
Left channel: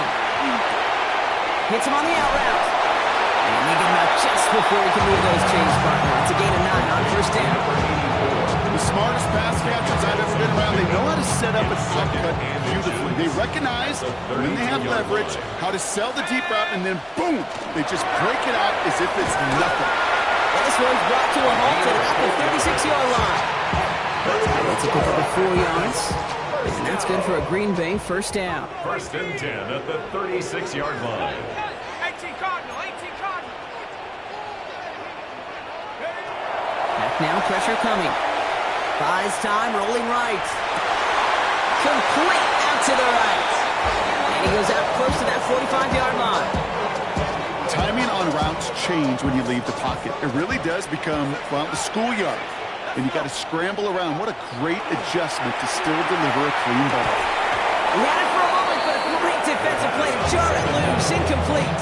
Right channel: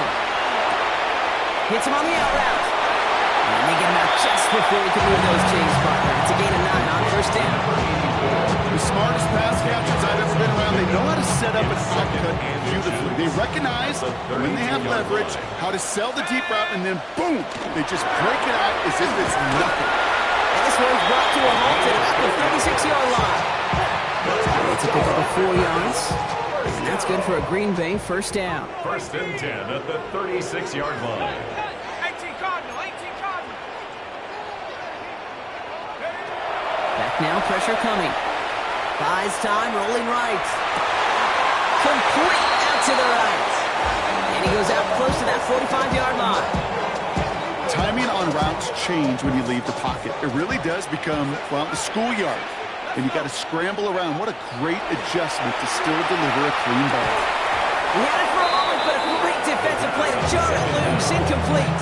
Hits him on the out route. And they get him out just before he can move those chains, partner. It's a gain of 9 on 1st down. The smartest pass catchers I've ever been around, they know how to set up an outcut beautifully. They recognize when they have leverage, how to sell the deep route, and then boom, they just break it out as if it's nothing. And this one's brought to a halt at about the 36-yard line. It's a pickup of 4 yards. And that's good for a Green Bay 1st down. 1st and 10 at the 36-yard line. 18 Cardinal, 18 Cardinal. now, pressure coming. Buys time, rolling right. Complete out to the right. And he goes out close to that 45-yard line. Timing on routes change when you leave the pocket. It really does become, well, the schoolyard. And you got to scramble around. What a great adjustment to still deliver a clean ball. He had it for a moment, but a great defensive play to jar it loose. Incomplete.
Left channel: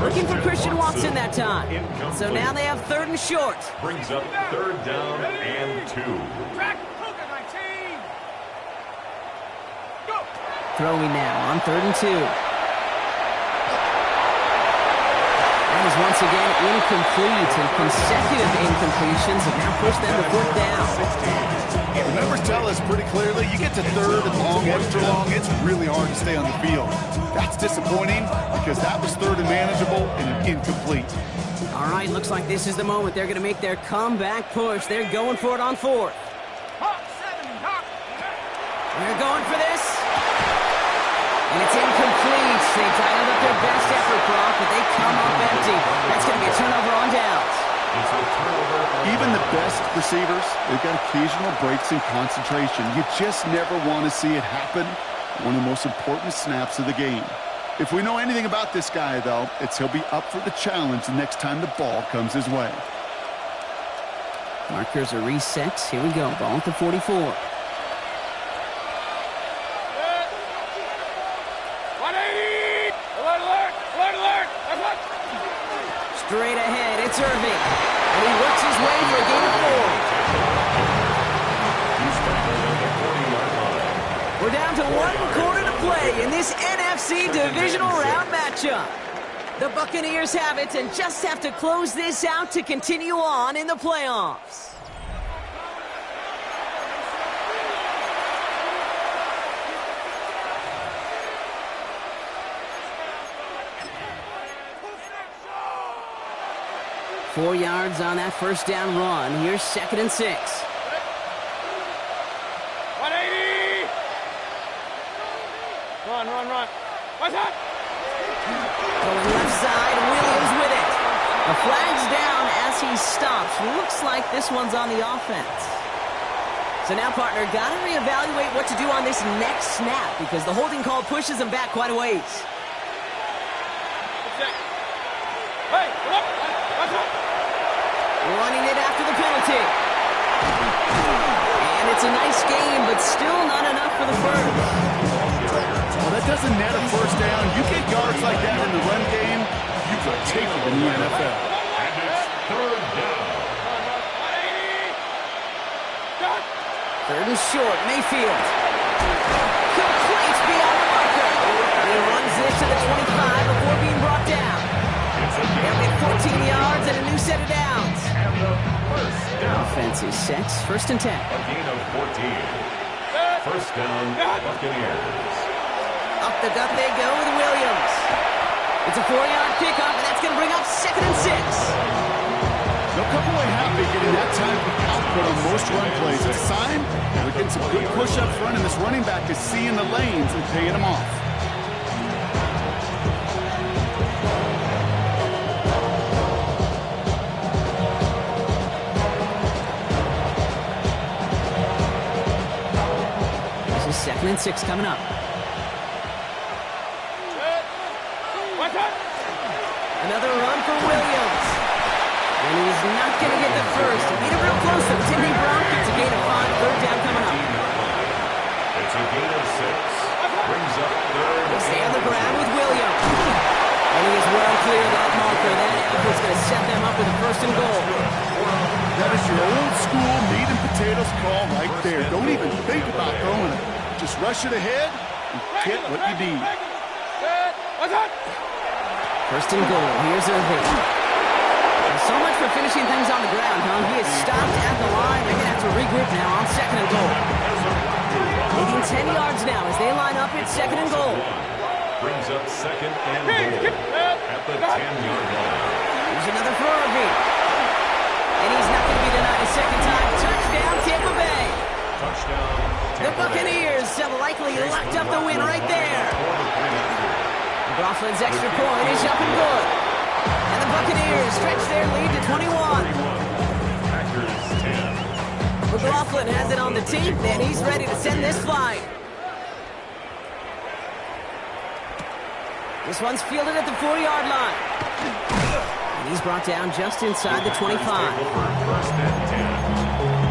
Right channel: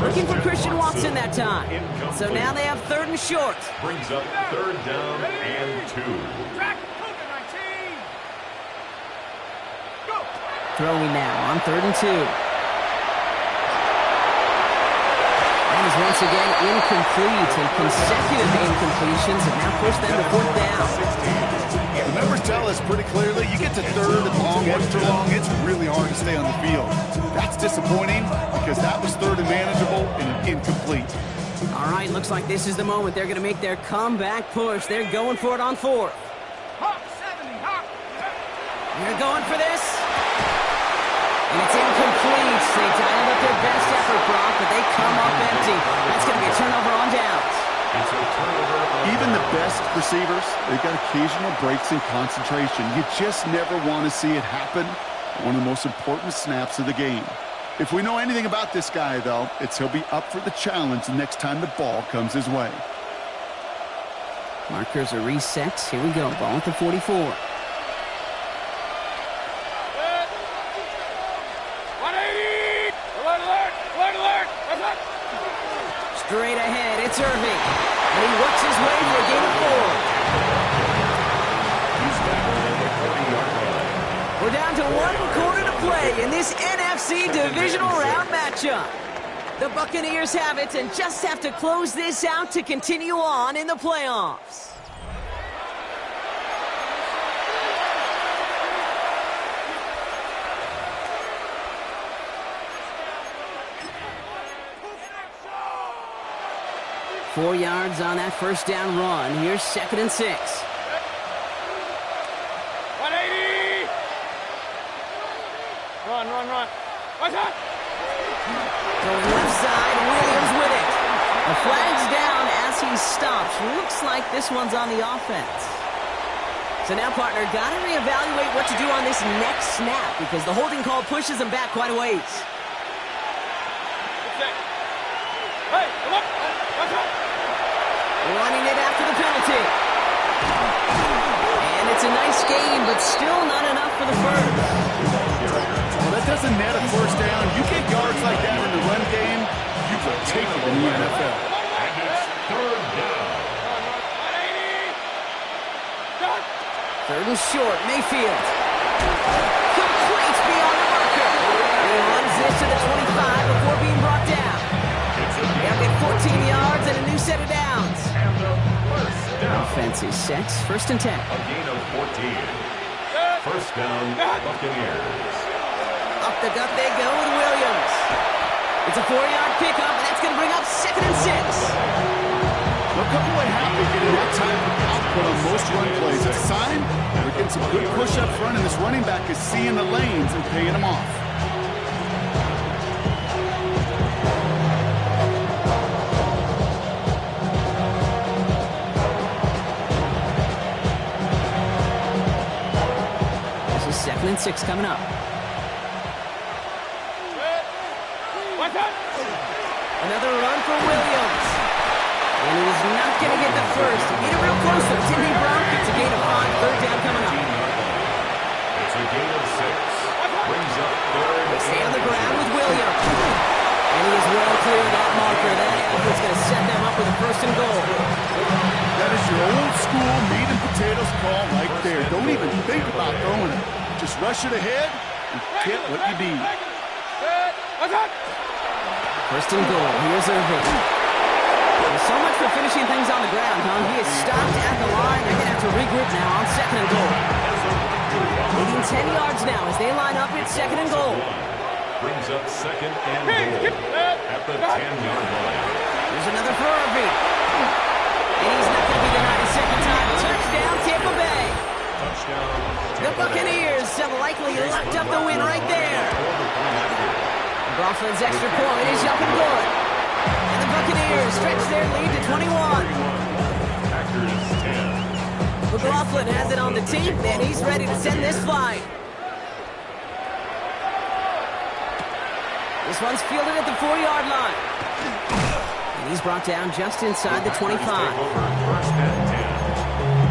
Looking for Christian Watson that time. So now they have 3rd and short. Brings up 3rd down and 2. Track, Cougar 19. Go. Throwing now on 3rd and 2. That is once again incomplete, and consecutive incompletions have now pushed them to 4th down. The numbers tell us pretty clearly, you get to 3rd and long, extra long, it's really hard to stay on the field. That's disappointing because that was 3rd and manageable and an incomplete. All right, looks like this is the moment they're going to make their comeback push. They're going for it on 4th. Hawk 70, Hawk. They're going for this. And it's incomplete. They dialed up their best effort, Brock, but they come up empty. That's going to be a turnover on downs. It's a turnover. Even the best receivers, they've got occasional breaks in concentration. You just never want to see it happen. One of the most important snaps of the game. If we know anything about this guy, though, it's he'll be up for the challenge the next time the ball comes his way. Markers are reset. Here we go. Ball at the 44. 180. Alert, alert, alert, alert. What's up? Straight ahead, it's Irving. And he works his way for a gain of 4. He's tackled at the 40-yard line. We're down to 1 quarter to play in this NFC divisional round matchup. The Buccaneers have it and just have to close this out to continue on in the playoffs. Four yards on that first down run. Here's 2nd and 6. 180. Run, run, run. What's that? Going left side, Williams with it. The flag's down as he stops. Looks like this one's on the offense. So now, partner, got to reevaluate what to do on this next snap because the holding call pushes him back quite a ways. Hey, look. What's up? Running it after the penalty. And it's a nice game, but still not enough for the first. Well, that doesn't net a first down. You get yards like that in the run game, you will take it in the NFL. And it's 3rd down. 3rd and short, Mayfield. Complete beyond the marker. And he runs this to the 25 before being brought down. They'll get 14 yards and a new set of downs. And the first down. Offense is set. 1st and 10. A gain of 14. First down, Buccaneers. Up the gut they go with Williams. It's a 4-yard pickup, and that's going to bring up 2nd and 6. They'll come away happy getting that type of output on most run plays. It's a sign they're getting some good push up front, and this running back is seeing the lanes and paying them off. This is 2nd and 6 coming up. What's up? Another run for Williams. And he was not going to get the first. He beat it real close, though, didn't he, Brock? It's a gain of 5, 3rd down coming up. It's a gain of 6. Brings up 3rd. They stay on the ground with Williams. And he is well clear of that marker. That effort's going to set them up with a 1st and goal. That is your old school meat and potatoes call right there. Don't even think about throwing it. Just rush it ahead and get what you need. What's up? 1st and goal. Here's Irving. So much for finishing things on the ground, huh? He is stopped at the line. They're going to have to regroup now on 2nd and goal. Leading 10 yards now as they line up at 2nd and goal. Brings up 2nd and goal at the 10-yard line. Here's another for Irving. And he's not going to be denied a second time. Touchdown, Tampa Bay. Touchdown, The Buccaneers have likely locked up the win right there. Broflin's extra point is up and good. And the Buccaneers stretch their lead to 21. Packers 10. McLaughlin has it on the tape, and he's ready to send this flying. This one's fielded at the 4-yard line. And he's brought down just inside the 25. Take over first and 10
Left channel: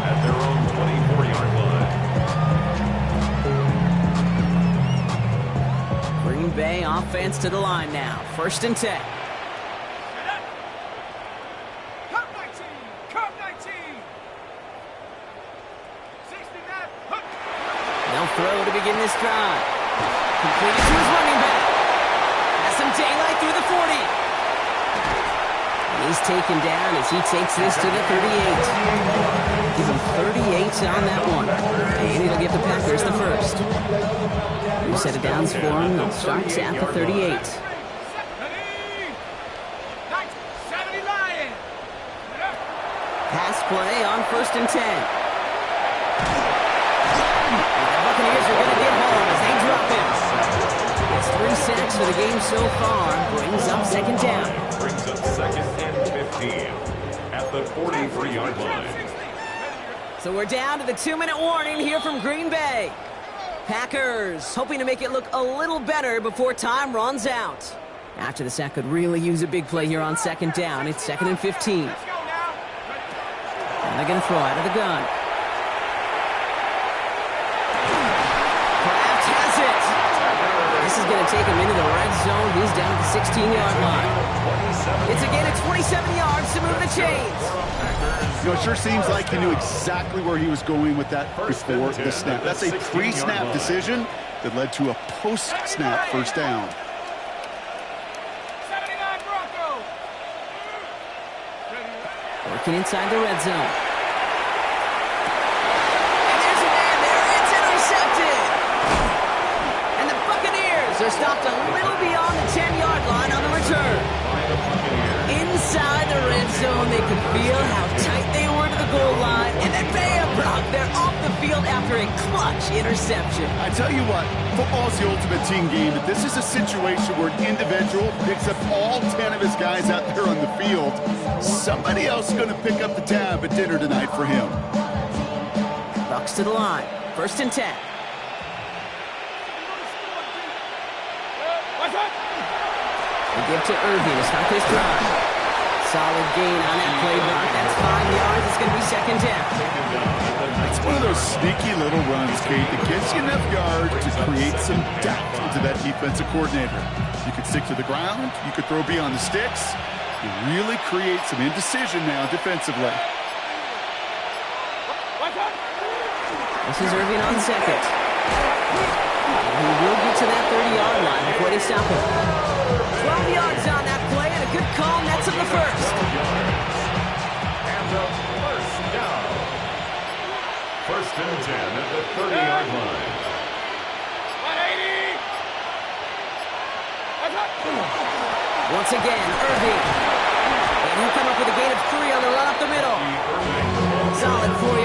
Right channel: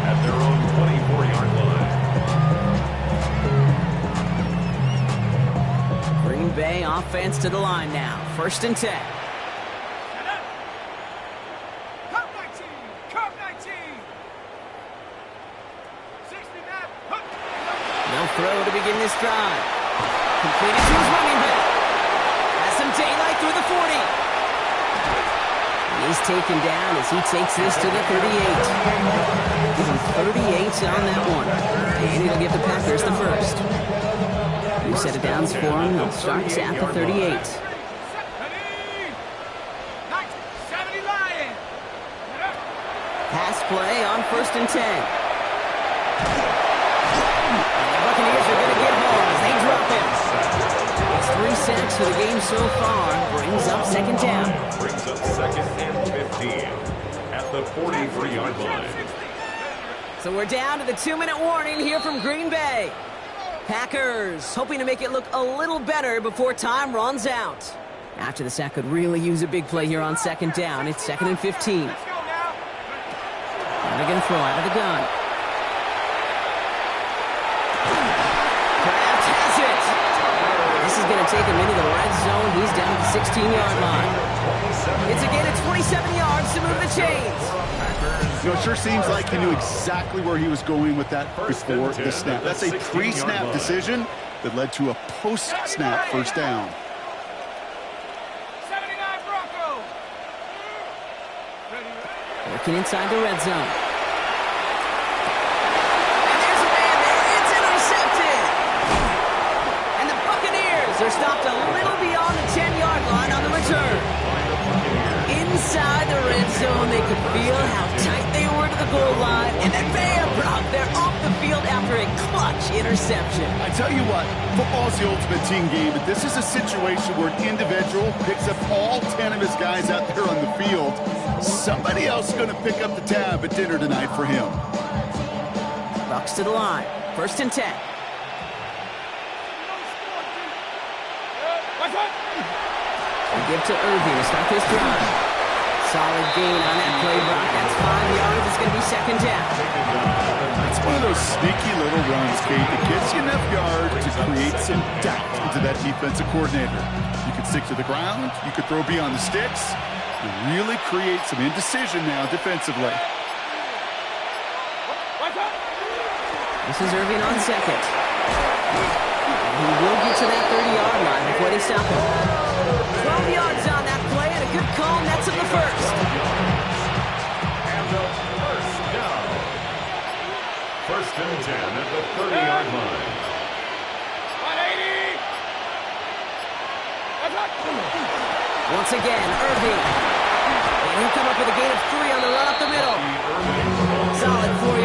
at their own 24-yard line. Green Bay offense to the line now. First and 10. Cup 19. Cup 19. 60 Matt. They'll throw to begin this drive. Completed to his running back. Has some daylight through the 40. And he's taken down as he takes this to the 38. Give him 38 on that one. And it'll give the Packers the first. New set of downs for him. They'll start at the 38. 70 Lions. Pass play on first and 10. And the Buccaneers are going to get home as they drop him. It's 3 sacks for the game so far. Brings up second down. Brings up second and 15 at the 43-yard line. So we're down to the 2-minute warning here from Green Bay. Packers hoping to make it look a little better before time runs out. After the sack could really use a big play here on second down. It's second and 15. Let's go now. And they're going to throw out of the gun. Kraft has it. This is going to take him into the red zone. He's down at the 16-yard line. It's a gain of 27 yards to move the chains. You know, it sure seems like he knew exactly where he was going with that before the snap. That's a pre-snap decision that led to a post-snap first down. 79 Broncos. Working inside the red zone. And there's a man there. It's intercepted. And the Buccaneers are stopped a little beyond the 10-yard line on the return. Inside the red zone, they could feel how tight they were to the goal line. And then bam, Brock, they're off the field after a clutch interception. I tell you what, football's the ultimate team game, but this is a situation where an individual picks up all 10 of his guys out there on the field. Somebody else is going to pick up the tab at dinner tonight for him. Bucks to the line. First and 10. They give to Irving to start this drive. Solid gain on that play, Brock. That's 5 yards. It's going to be second down. It's one of those sneaky little runs, Kate, that gets you enough yards to create some doubt into that defensive coordinator. You could stick to the ground. You could throw beyond the sticks. You really create some indecision now defensively. This is Irving on second. And he will get to that 30-yard line before they stop him. 12 yards on that play, and a good call nets him the first. And a first down. First and 10 at the 30-yard line. 180. Once again, Irving. And he'll come up with a gain of 3 on the run up the middle. Solid 4